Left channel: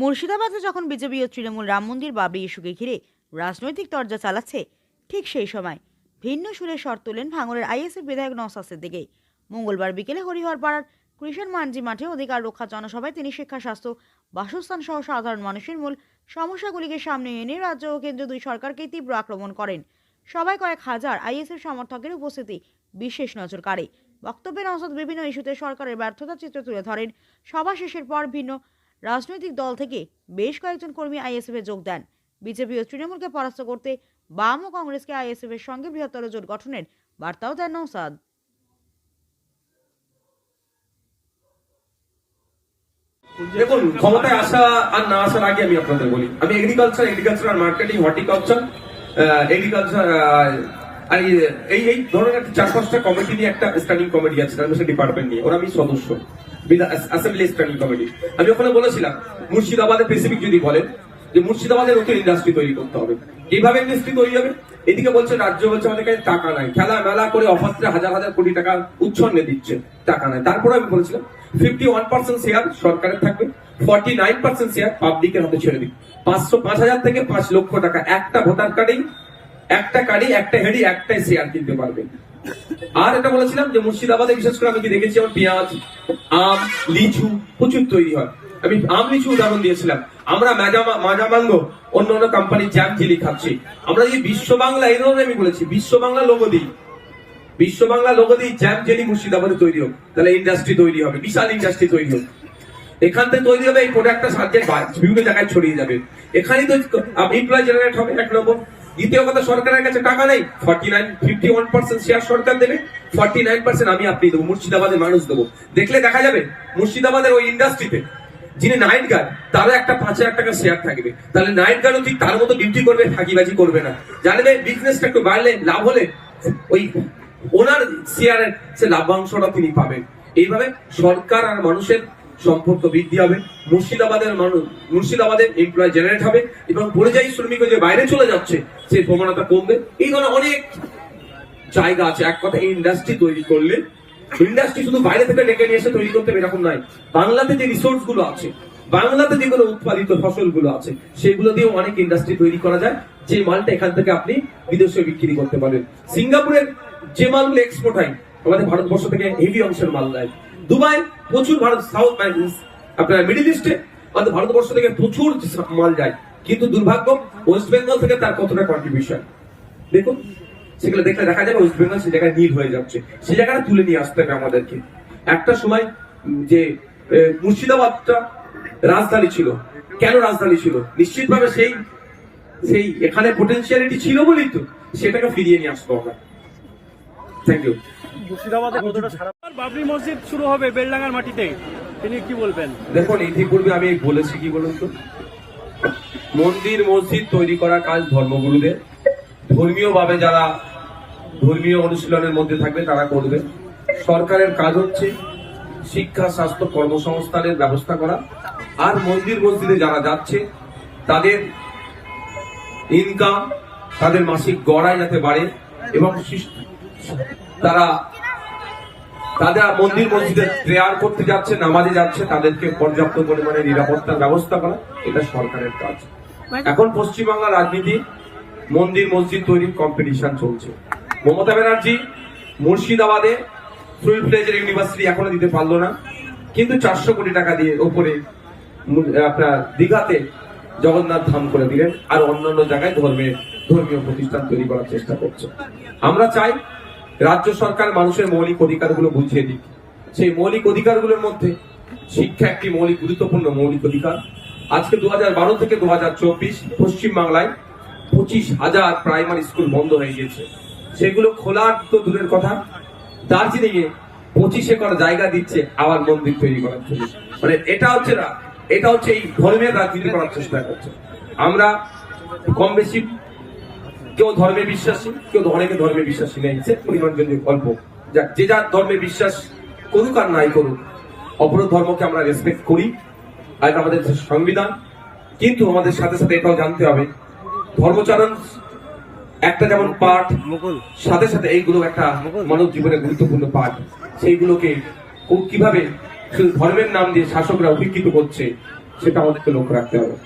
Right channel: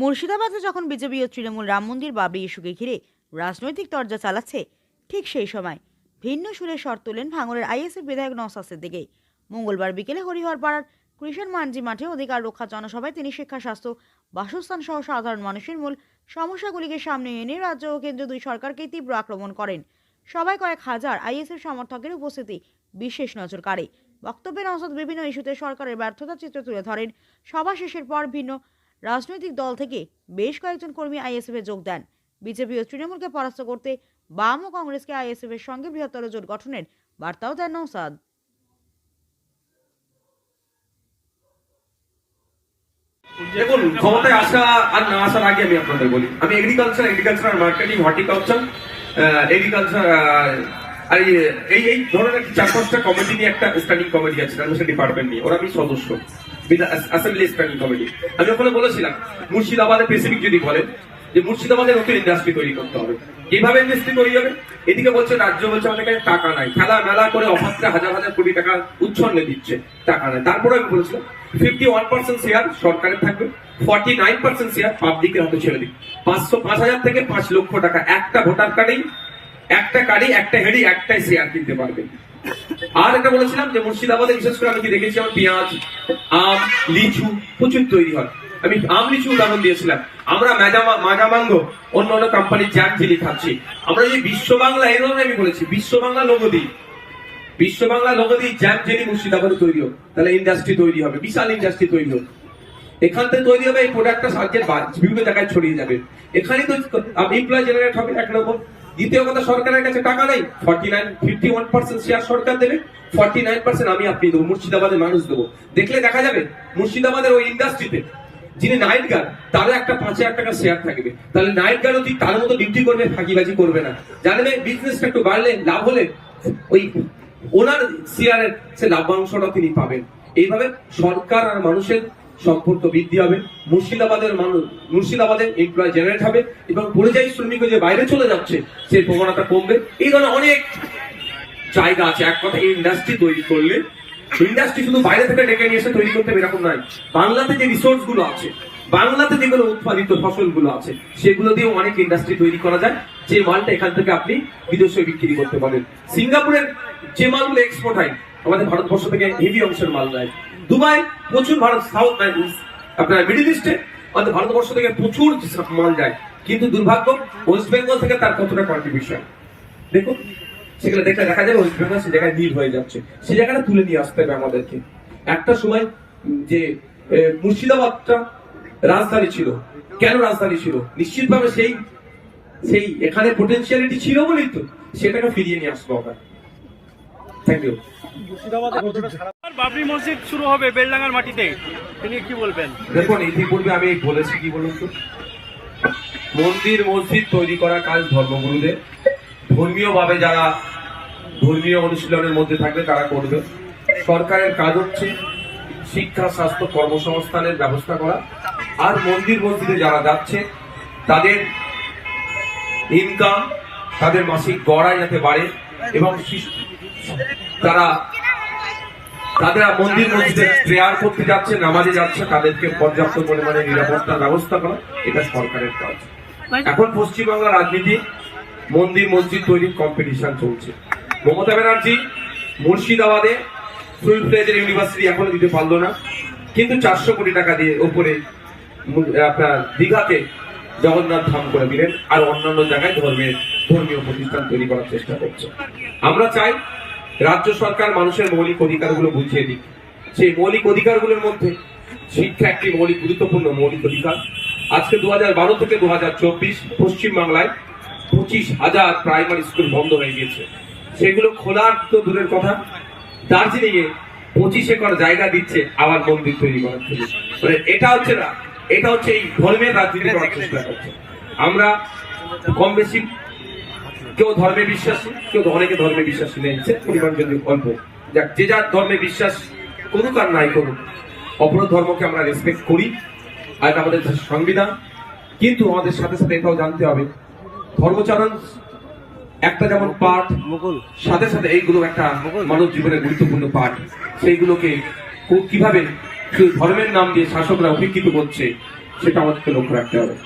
মুর্শিদাবাদে যখন বিজেপি ও তৃণমূল রাম মন্দির বাবরি ইস্যুকে ঘিরে রাজনৈতিক তরজা চালাচ্ছে, ঠিক সেই সময় ভিন্ন সুরে শর তোলেন ভাঙড়ের আইএসএফ বিধায়ক নওসাসের দিকে মঙ্গলবার বিকেলে হরিহর পাড়ার কৃষণ মানজি মাঠে অধিকার রক্ষা জনসভায় তিনি শিক্ষা, স্বাস্থ্য, বাসস্থান সহ সাধারণ মানুষের মূল সমস্যাগুলিকে সামনে এনে রাজ্য ও কেন্দ্র দুই সরকারকে তীব্র আক্রমণ করেন। সবাই কয়েক হাজার আইএসএফ সমর্থকের উপস্থিতি বিশেষ নজর কাড়ে বক্তব্যে নওসাদ বিভিন্ন ইস্যুতে সরকারের ব্যর্থতা চিত্র তুলে ধরেন। সভা শেষের পর ভিন্ন রাজনৈতিক দল থেকে বেশ কয়েকজন কর্মী আইএসএফে যোগ দেন। বিজেপি ও তৃণমূলকে পরাস্ত করতে বাম ও কংগ্রেসকে আইএসএফ এর সঙ্গে বৃহত্তর জোট গঠনের বার্তাও দেন নৌসাদ দেখুন, ক্ষমতায় আসা আর না আসার আগে আমি আপনাদের বলি, আমি এগ্রিকালচার এগ্রিকালচার আর মার্কেটিং হর্টিকালচার এগ্রিকালচার আর এই এই ধরনের চার পাঁচটা কমিটি নিয়ে একটা স্ট্যান্ডিং কমিটি আছে ডিপার্টমেন্ট নিয়ে, ওরা আমি সদস্য। অ্যাসেম্বলি স্ট্যান্ডিং কমিটি আমি ওখানে বলেছিলাম স্পেসিফিক যদি বলেন, যে মুর্শিদাবাদে নতুন ইন্ডাস্ট্রি তৈরি করতে হবে। কীভাবে ইন্ডাস্ট্রি তৈরি হবে? এদিকে বলছে, রাজ্য বলছে আমাদের কাছে টাকা নাই। খেলা মেলা করে অফারটা হাজার হাজার কোটি টাকা দিচ্ছে। টাকা নাই। তারপরে আমি বলেছিলাম ফিফটি ওয়ান পার্সেন্ট শেয়ার সরকারের থাকবে ফর্টি নাইন পার্সেন্ট শেয়ার পাবলিকের হাতে ছেড়ে দিই পাঁচশো পাঁচ হাজার থেকে পাঁচ লক্ষ টাকা। একটা ভোটার কার্ডেই একটা কার্ডেই একটা হেডি একটাই শেয়ার কিনতে পারবেন আর এটা বলেছিলাম যে মুর্শিদাবাদে বিশেষ করে আমি কি দেখেছি, আমার পেঁয়াজ, আম, লিচু প্রচুর তৈরি হয়। আমি আম, লিচু উদাহরণ দিয়েছিলাম। আমরা মাজামা, মাজামাঙ্গ, অন্য অন্য কোম্পানির জ্যাম ঝিলি খাচ্ছি। আমরা যে বিশ্ব বাংলা এই ধরনের আমি বলেছি বিশ্ব বাংলা লোগো দিই। বিশ্ব বাংলা লোগো দিই, জ্যাম জেলি মুর্শিদাবাদে তৈরি হোক। তাহলে ইন্ডাস্ট্রি তৈরি হবে, বিশাল ইন্ডাস্ট্রি তৈরি হোক। এখান থেকে তৈরি হবে এই প্রোডাক্টটা সার্কেট বিভিন্ন জায়গায় ছড়িয়ে যাবে। এখানেই তো এমপ্লয় জেনারেট হবে এক নম্বর দ্বিতীয় কথা, সরকারের কাছে টাকা নেই। Forty nine, fifty one percent share সরকার দেবে। ফর্টি নাইন পার্সেন্ট আমি আপনি দেবো, মুর্শিদাবাদের মানুষ দেবো। দেখলে দেখা যাবে, মুর্শিদাবাদের ওই ইন্ডাস্ট্রিতে যিনি নাইট গার্ড তারও একটা পাঁচ হাজার টাকা শেয়ার থাকবে। তাহলে নাইট গার্ডও ঠিক তার মতো ডিউটি করবে, ফাঁকিবাজি করবে না। জানবে বিজনেসটা একটু বাড়লে লাভ হলে ওই ওনার শেয়ারের সে লাভ্যাংশটা তিনি পাবেন। এইভাবে সরকার আর মানুষের সম্পর্ক বৃদ্ধি হবে, মুর্শিদাবাদের মানুষ, মুর্শিদাবাদের এমপ্লয় জেনারেট হবে এবং পরিযায়ী শ্রমিক যে বাইরে চলে যাচ্ছে, সেই প্রবণতা কমবে। এই ধরনের অনেক জায়গা আছে, এক কথা ইন্ডাস্ট্রি তৈরি করলে। ইন্ডাস্ট্রি শুধু বাইরে থেকে ডেকে নিয়ে এসে তৈরি করতে এরকম নয়। বাংলাতে যে রিসোর্সগুলো আছে, বাংলাতে যেগুলো উৎপাদিত ফসলগুলো আছে, সেগুলো দিয়েও অনেক ইন্ডাস্ট্রি তৈরি করা যায়। যে মালটা এখান থেকে আপনি বিদেশে বিক্রি করতে পারেন। সিঙ্গাপুরের যে মালগুলো এক্সপোর্ট হয়, আমাদের ভারতবর্ষ থেকে হেভি অংশের মাল যায় দুবাই, প্রচুর ভারত, সাউথ আপনার মিডিল ইস্টে, আমাদের ভারতবর্ষ থেকে প্রচুর মাল যায়। কিন্তু দুর্ভাগ্য, ওয়েস্ট বেঙ্গল থেকে তার কতটা কন্ট্রিবিউশন দেখুন, সেগুলো দেখলে দেখা যাবে ওয়েস্ট বেঙ্গল সে জায়গায় নীল হয়ে যাচ্ছে। সে জায়গাটা তুলে নিয়ে আসতে হবে আমাদেরকে। একটা সময় যে মুর্শিদাবাদটা রাজধানী ছিল। কেন রাজধানী ছিল? নিশ্চিতভাবে সেই সেই এখানে পোটেনশিয়ালিটি ছিল বলেই তো সেটাকে ফিরিয়ে নিয়ে আসব আমরা। থ্যাংক ইউ মুর্শিদাবাদে বাবরি মসজিদ শুরু হবে বেলডাঙ্গার মাটিতে। তিনি কি বলবেন? দেখুন ইতিপূর্বে আমি বলেছি কি বলুন তো? মন্দির মসজিদ তৈরি করা কাজ ধর্মগুরুদের। ধর্মীয় ভাবে যারা ধর্মীয় অনুশীলনের মধ্যে থাকবে তারা করবে। সরকারের কাজ হচ্ছে শিক্ষা স্বাস্থ্য কর্মসংস্থানের ব্যবস্থা করা। আর মন্দির মসজিদে যারা যাচ্ছে তাদের ইনকাম তাদের মাসিক গড়াই যাতে বাড়ে। এবং তারা তারা মন্দির মসজিদে প্রেয়ার করতে যাচ্ছে, নামাজে যাচ্ছে, তাদেরকে পর্যাপ্ত পরিমাণে নিরাপত্তার ব্যবস্থা করা, এটা সরকারের কাজ। এখন পশ্চিমবাংলার রাজনীতি, মন্দির মসজিদ তৈরির কম্পিটিশন চলছে। মমতা ব্যানার্জি মুর্শিদাবাদে ফুল ফ্লেজের ইউনিভার্সিটি এখনও দিতে পারল না, কিন্তু চারশো কোটি টাকা দিয়ে ওপরে আপনার দীঘাতে জগন্নাথ ধাম করে দিলেন, আর অন্যান্য জায়গায় ধর্মের ধর্মীয় প্রতিষ্ঠান তৈরি করার চেষ্টা করছে। আমরা চাই রাজ্য সরকার মানুষের মৌলিক অধিকারগুলো বুঝিয়ে দিক। সেই মৌলিক অধিকারগুলোর মধ্যে শিক্ষা একটি মৌলিক, গুরুত্বপূর্ণ মৌলিক অধিকার। আজকে দু বারো থেকে দু হাজার চব্বিশ পশ্চিমবাংলায় পঁচিশ হাজার প্রাইমারি স্কুল বন্ধ হয়ে গিয়েছে। সেগুলো খোলার তো দূরের কথা। দার্জিলিং এ পঁচিশ একর জায়গা দিচ্ছে আবার মন্দির তৈরি করার জন্য। মানে এটা হচ্ছে না এটা হচ্ছে এই ধর্মের রাজনীতি করার চেষ্টা করছে। আমরা কম বেশি কেউ ধর্মে বিশ্বাসী কেউ অনেকে ধর্মে বিশ্বাসী নেই। সে পরিমাণ যদি অল্প। যাক যে যার ধর্মে বিশ্বাস করুক আর নাই করুক অপর ধর্মকে আমরা রেসপেক্ট করি আর এটা আমাদের সংবিধান। কিন্তু আমাদের সাথে সাথে এটাও জানতে হবে ধর্মচারণ একটা যেমন পাঠ সাথে সাথে এইগুলো একটা মানব জীবনের গুরুত্বপূর্ণ পাঠ। সেইগুলোকে খুব কীভাবে শুধু ধর্মের নাম দিয়ে শাসকরা উপেক্ষিত করছে সেটা আমাদেরকে লক্ষ্য রাখতে হবে।